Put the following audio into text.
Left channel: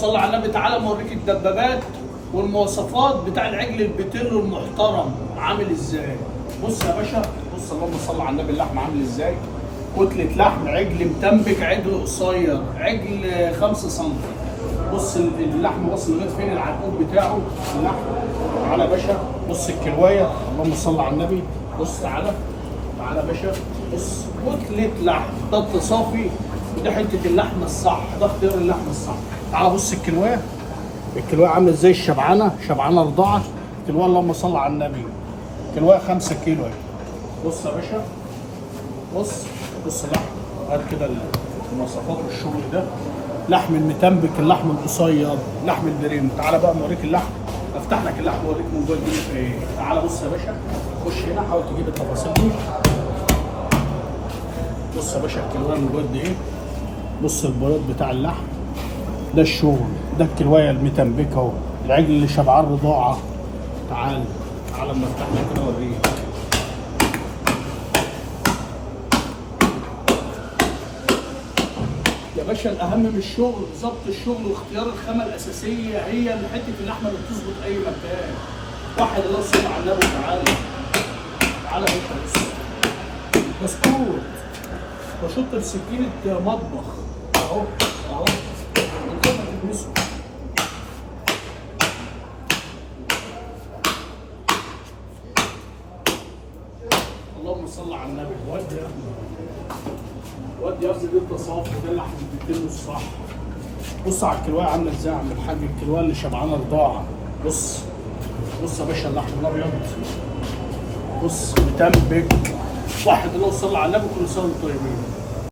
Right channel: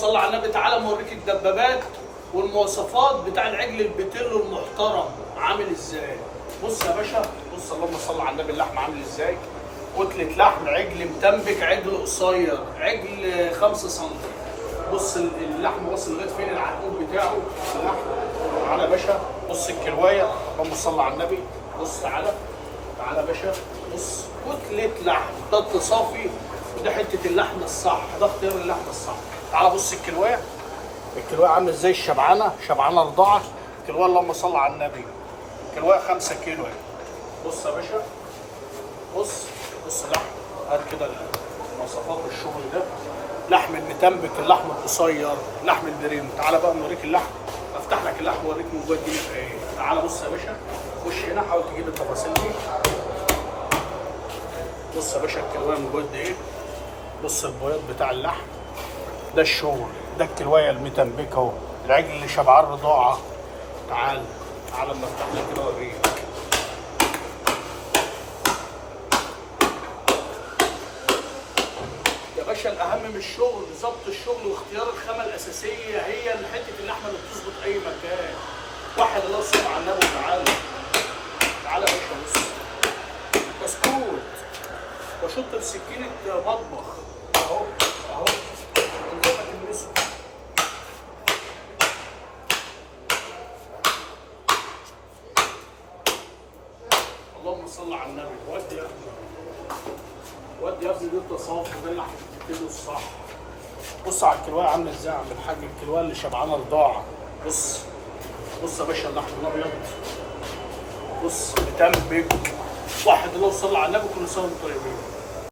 صلى على النبي. تعالى اوريك الدبابات والمواصفات بتاع العجل البتلو المحترم عامل ازاي. بص يا باشا، بص اللهم صل على النبي، اللحم عامل ازاي. كتلة لحم، عجل متنبك، عجل قصير، عجل 5 سم. بص اللحم واصل لغايه فين، العرقوب بتاعه اللحم. تعالى يا باشا، بص الكروايه، اللهم صل على النبي. بص تعالى تعالى يا باشا، بص كتلة لحم، ده التصافي وده حته اللحم الصح، ده اختيار اللحم الصح. تعالى بص الكلوايه، الكلوايه عامله ازاي، الشبعانه شبعانه رضاعه. الكلوايه اللهم صل على النبي، الكلوايه 5 كيلو اهي. بص يا باشا، بص بص لحم، هات كده المواصفات والشغل ده. لحم المتنبك، اللحم القصير، لحم البريم. تعالى بقى اوريك اللحم، افتح لك اللحم واوريك من جوه الدنيا في ايه. تعالى بص يا باشا، خش هنا حاول تجيب التفاصيل دي. بص يا باشا الكلوايه من جوه قد ايه، بص البياض بتاع اللحم، ده الشغل، ده الكلوايه المتنبكه اهو، العجل اللي شبعان رضاعه. تعالى تعالى اما افتح لك كده اوريك. يا باشا الاهم من الشغل ظبط الشغل واختيار الخامه الاساسيه، هي اللي حته اللحمه اللي بتظبط اي مكان. واحد الله يصل على النبي. تعالى تعالى يا باشا، بص بسكوت بشط بسكينه مطبخ اهو اهو، اللهم صل على النبي. ودي يا ابني، ودي يا ابني، ده صافي، ده اللحم بيتم الصح. بص على الكلوايه عامله ازاي يا عم الحاج، الكلوايه اللي شبعانه رضاعه. بص بص يا باشا اللحم الابيض، بص متنبك. واحد الله صل على النبي، كل سنه وانتم طيبين.